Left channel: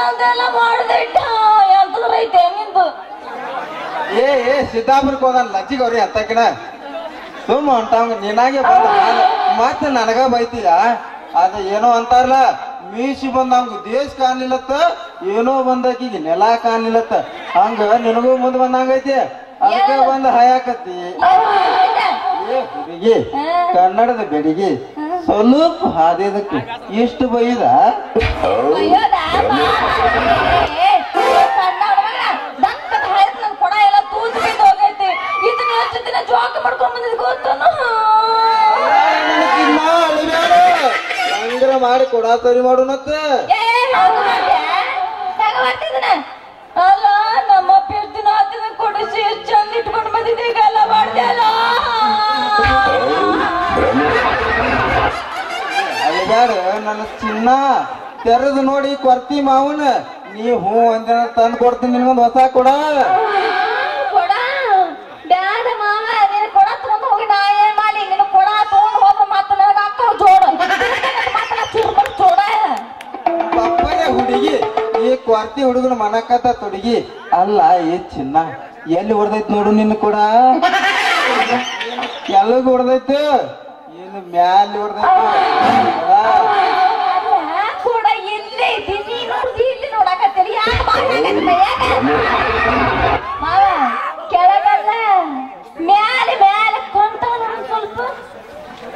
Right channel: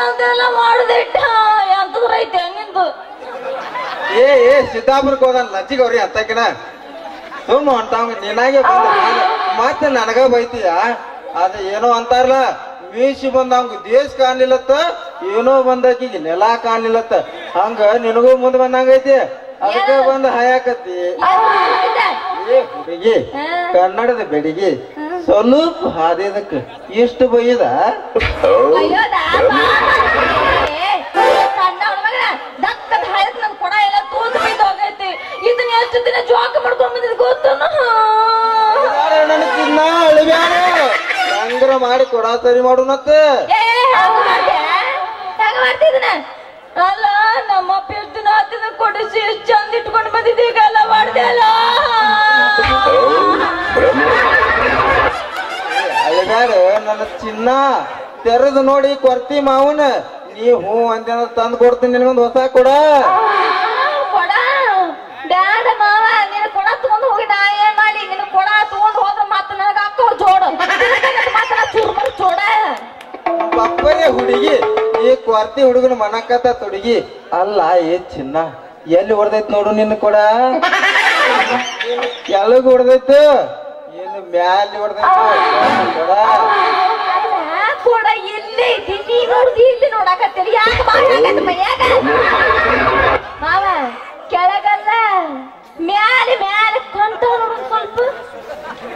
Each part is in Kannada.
ನಂದೆಲ್ಲ ಮಾಡದೆ ನಿಂದು? ಏ ಏ ಸಿದ್ದಾಪುರಕ್ಕೆ ಹೋಗಲ್ಲ ಲಚ್ಚಿಗವ್ರಿ ಅಂತಕಿನ ಸುಮ್ಮ ಹೊಂಟಾವ್ ನಿನಗೆ ಬಂದ ಮತ್ತೆ ನನಗ ಬೈತೀಯ? ಅದು ಏನೋ ಅಂತಾರಲ್ಲ ಮೀಸಿ ಬಂದ ಹಂಗ ದೇಶ ಕಾಣ್ಲಿಲ್ಲತ್ತ ಏನೋ ಬಂದಾಕಿ ನೆಲ ಕಾಣ್ಲಿಲ್ಲತ್ತ. ಹಂಗ ನಿನಗೂ ಮುಂದೆ ಬಂದಂಗೈತಿ ಅದಕ್ಕೆ ಬಂದ ಹಯಾಕತ್ತಿ. ಏ ಹುಡುಗಿ ಕನ್ನಡದ ಬೆಡಿಗೆ. ಸ್ವಲ್ಪ ಹಾದಿದಕ್ಕೆ. ಎಷ್ಟು ಬೈದ ಹಂಗ್ರ ಮಾಡಿ ಕೊಡ ಸರಿ ಮಾಡೋಣತ್ತ ಅಲ್ಲ ನಮ್ಮ ಅಪ್ಪ ಎಷ್ಟು ದಿನ ಕೊಡಿಸಿ ಎಷ್ಟು ಚಂದ ಇಟ್ಕೊಂಡು ಬಂದಿದ್ದೆ ಎಲ್ಲ ಮಾಡ್ದೆ ಅಲ್ಲ? ಚಿನ್ನ ತೆರೆದು ನೋಡಿ ಕೊರ್ತಿ ಮಾವನ ನೀ ಹೂ ಅಂದ ತಂದು ಕೊಡ್ತೀನಿ ನಿನಗೊಂದು ಹೊಸ ಕೊಡ. ಪಪ್ಪಯ್ಯ ಹುಡುಗಿ ಈ ಕೊರ್ತಿ ಹುಡುಗನ ಮನಕತ್ತ ತುಡುಗಿ ಅಲ್ಲ ಏ ಚಿನ್ನ ಎಲ್ಲಿ ಹೊಡೆದೈತ್ ನೋಡು ನಿನ್ನ ಕೊಡ? ಎಲ್ಲಿಗ್ ಹೊಡೆದೈತು? ಏನು ಮ್ಯಾಲೆ ಹೊಡೆದೈತು ಯಾಕೆ ಮಾವ ಕೆಳಗಲ್ಲ ಮ್ಯಾಲೆ ಮ್ಯಾಲೆ ಕೊಂತ ಸ್ವಲ್ಪ.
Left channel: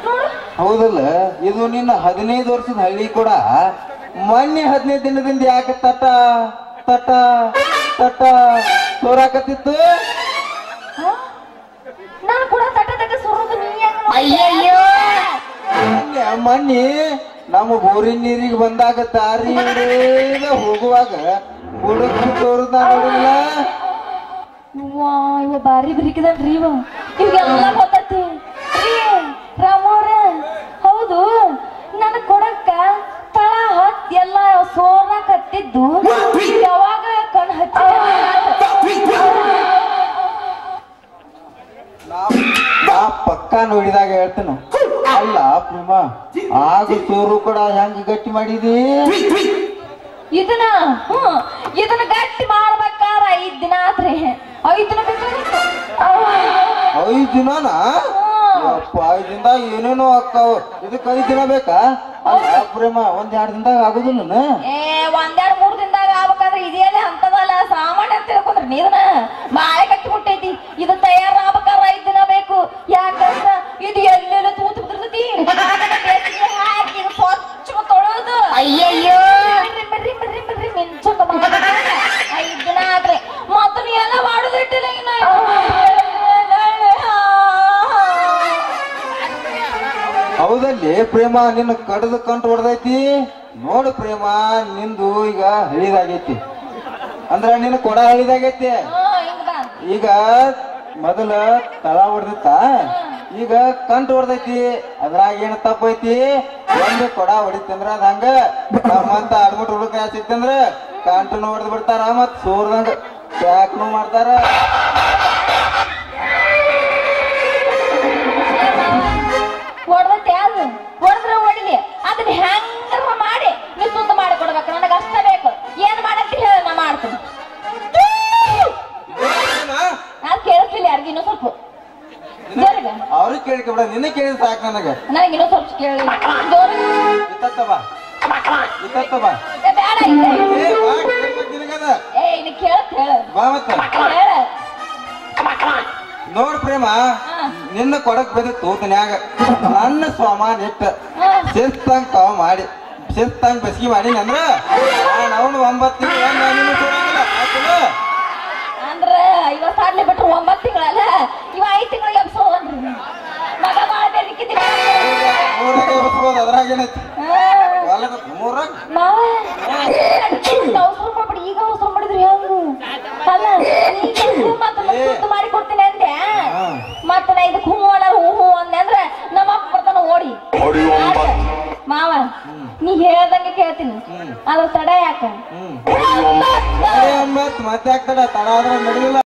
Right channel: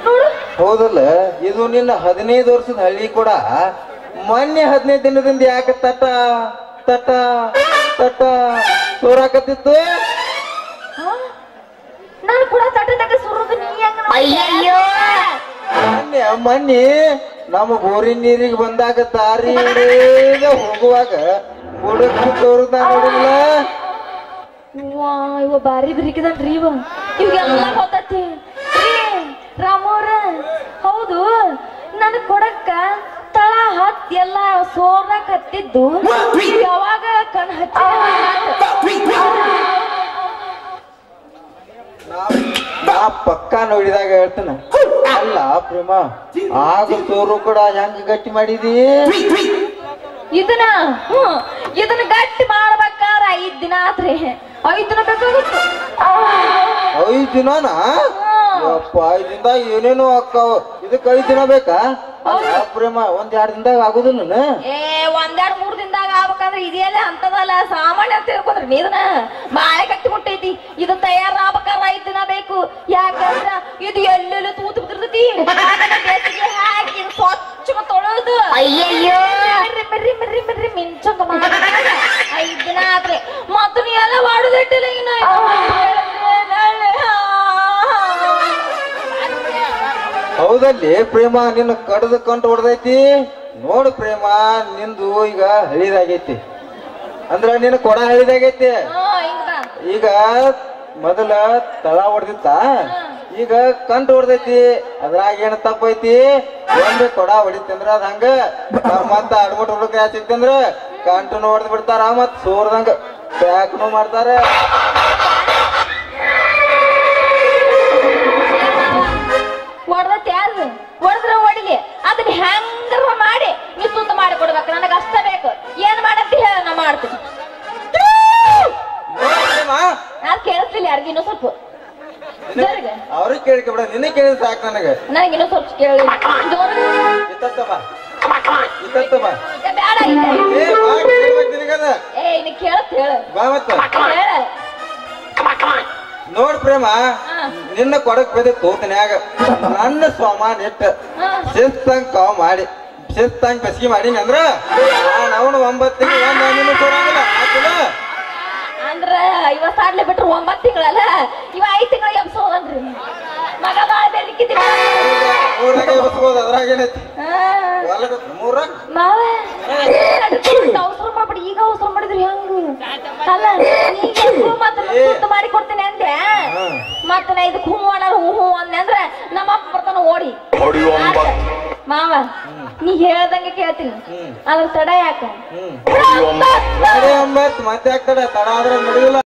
ನೋಡು. ಹೌದಲ್ಲ ಇದು ನಿನ್ನ ಹದಿನೈದು ವರ್ಷದ ಹಳ್ಳಿ ಕೂಡ. ಮೊನ್ನೆ ಹದಿನೈದು ದಿನದಿಂದ ಯಾಕೆ ತಟ ತಟ ತಟ ಸೋರಾಕತ್ತಿತ್ತು ನಾನು ಕೂಡ ತಟ ತಟ ಸುರುದು ನೀ ಅಯ್ಯಯ್ಯೋ! ಮೊನ್ನೆ ಮೊನ್ನೆ ನಮ್ಮ ಬೋರಿನ ನೀರಿಗೆ ಬಂದಾಗ ದಾರಿ ಹೋಗುವಾಗ ಹುಡುಕಿ ತೋರ್ದ ನೋಡಿಲ್ಲ. ಇವ ಬಾರಿ ರೀ ಇವ. ಇವಾಗೆಲ್ಲ ಗೊತ್ತೈತಿ. ರಾಮೋರ ಹೌದು ನನ್ ಕೊಡಕ್ಕ ತಳ ಹತ್ ಎಲ್ಲ ಸೋರ್ನಾಕತ್ತಿದ್ದು ಯಾವಾಗ ಕಣ್ ಹಚ್ಚ ಪಕ್ಕ ನೋಡಿದಾಗ ಹೇಳ್ತೀನಿ. ಅಲ್ಲ ಪ್ರೇಮ ಆಗ ಸೋರು ಕೂಡ ಹೆಂಗ್ ಗಟ್ಟಿ ಮಾಡಿದಿ? ಇದನ್ನ ಹ್ಮ್ ಇದನ್ನ ಗಟ್ಟಿ ಮಾಡ್ಬೇಕಾರ ಐದ್ ದಿನ ಆತ್ರಿ ಐದ್ ದಿನ ಬೇಕಾಗಿತ್ತು. ಐದ್ ದಿನನ? ಐದ್ ದಿನದಾಗ ಏನೇನೋ ಆಗ್ತಾವ. ಇದಕ್ಕೆ ಐದ್ ದಿನ ಬೇಕಾ? ಅಲ್ಲ ಪ್ರೇಮ ಒಂದ್ ಎರಡ್ ದಿನದಾಗ ಆಗುದಿಲ್ಲ ಏ ಒಂದೆರಡ್ ಮೂರ್ ದಿನದಾಗ ಆಗ್ಬೇಕಂದ್ರೆ ಇದೆಲ್ಲ ಅಂತದಲ್ಲ ಸಾಮಾನ್ಯ ಅಂತ ತಿಳ್ಕೊಂಡ್ರಿ ನೀದನ ತೊಳೆದು ಅಯ್ಯಯ್ಯೋ. ಬಿಡ್ರಿ ಬಿಡ್ರಿ ಬಿಡ್ರಿ ಮಿಂಚಂತ ಮಾಡ್ಬೇಕಂದ್ರೆ ಐದ್ ದಿನ ಆತ್ರಿ ಮತ್ತ ನೀ ಎಲ್ಲ ಮಾಡುದಿಟ್ಟಿಲ್ಲ ಇನ್ನ ಹೌದಲ್ಲಿ ಪ್ರೇಮ ನಿನ್ನ ಕಡದ ಕಂಟು ಹೊಡೆದೈತಿ? ನೋಡು ಪ್ರೇಮ ನಿಂದು ಈಗ ಹಳಿದಾಗೈತಿ. ಅಂದ್ರ ನಿನ್ನ ಕೊಡ ಹಳಿದಾಗೈತಿ. ಈಗ ಮೊದಲ ತಳ ಹೊಡೆದಿತ್ತ? ಈಗ ಕಂಡು ಹೊಡೆದೈತಿ. ಅದ್ರಾಗ ಏನ್ ತಪ್ಪೈತಿ? ಒಂದು ಕೊಡ ಹೊಡಿತಂದ್ರ ಅದ ಹಂಗ. ಮತ್ತ ಅಡ್ಬಿಟ್ ಹುಡುಕ ಸಿಕ್ತಂದ್ರ ಕಂಟನು ಹೊಡೆದ್ ಬಿಡ್ತಾರ ಮತ್ ಸೋರ್ದಂಗ. ಪ್ಯಾಕ್ನು ಮಾಡ್ತಾರ. ಹೊಡೆದತ್ತೆ ಹೊಡಿಲಿ. ಅದನ್ನ ಹೆಂಗಾರ ಮಾಡಿ ನೀವು ತುಂಡು ಮಾಡಿ ಕೊಡ್ಬೇಕು. ನನಗೆ ಅಷ್ಟ ಬೇಕು. ಏನ್ ಮಾಡಂತ ಹೇಳ ನಾ ಮಾಡ್ತೀನಿ. ನಾನು ಕೇಳಿಸ್ಲಿಲ್ಲ ಯಾರಿಗೂ ಇನ್ನೂ ಸ್ವಲ್ಪ. ಅವ್ರಿಗೆ ಕೇಳ್ಕೊಬಿಡ ನಿನ್ನೆ ಕೇಳಿದ್ ಸಾಕು ನನಗೆ. ನನಗೆ ಇನ್ನೂ ಸ್ವಲ್ಪ ಕೇಳಿ. ಮತ್ತ. ಹೇಳ ನೋಡ್ ಪ್ರೇಮ ನಿನ್ನ ಕೊಡಕ್ ಬಂದ ತೋತನ್ಯಾಗ. ನನ್ನ ಸಾಮಾನ್ ಇಟ್ಟ ಕಾ ಶಿಸ್ತಂಗ್ ಕಾವ್ ಮಾಡಿ ಶಿಸ್ತಂಗ್ ಬೆಸ್ಗಿ ಮಾಡಿ ಅಂದ್ರ? ನಾನು ಅವನು ಒಂಬತ್ತು ತಿಂಗಳು ಕೊಡಂಗಿಲ್ಲ ಅಂದ್ರ ಇವ ಸಾಡ್ಲಿ ಬಿಟ್ರು ಒಂಬತ್ತು ತಿಂಗಳಲ್ಲ ಇವ ಮೂರಾಗ ಅವಸರ ಮಾಡ್ಬಿಡಿ ಈಗ ಅವಸರ ಮಾಡಿದ್ರಿ ಹೆಂಗು? ಅಲ್ಲ ಮತ್ತೆ ಮಾಡಿ ಕೊಡ್ತೀನಿ ಅಂದೆ. ಮತ್ತೆ ನಾ ಇದಕ್ಕೆ ಹೂ ಅಣ್ಣ ಹೂ ಹೂ ಅಂದೆ ಅಂದ್ರೆ ನಮ್ಮ ಅಪ್ಪ ಬರ್ತಾನ ಓಡಿ. ಮಾವ ನೀ ಹೇಳ್ದಂಗೆ ಕೇಳ್ತೀನಿ. ಅಲ್ಲ ಅದ್ರ ತಡ ಯಾಕೆ? ಮತ್ತೆ ತಡ? ಆದ್ರೆ ನಡೆದಿಲ್ಲ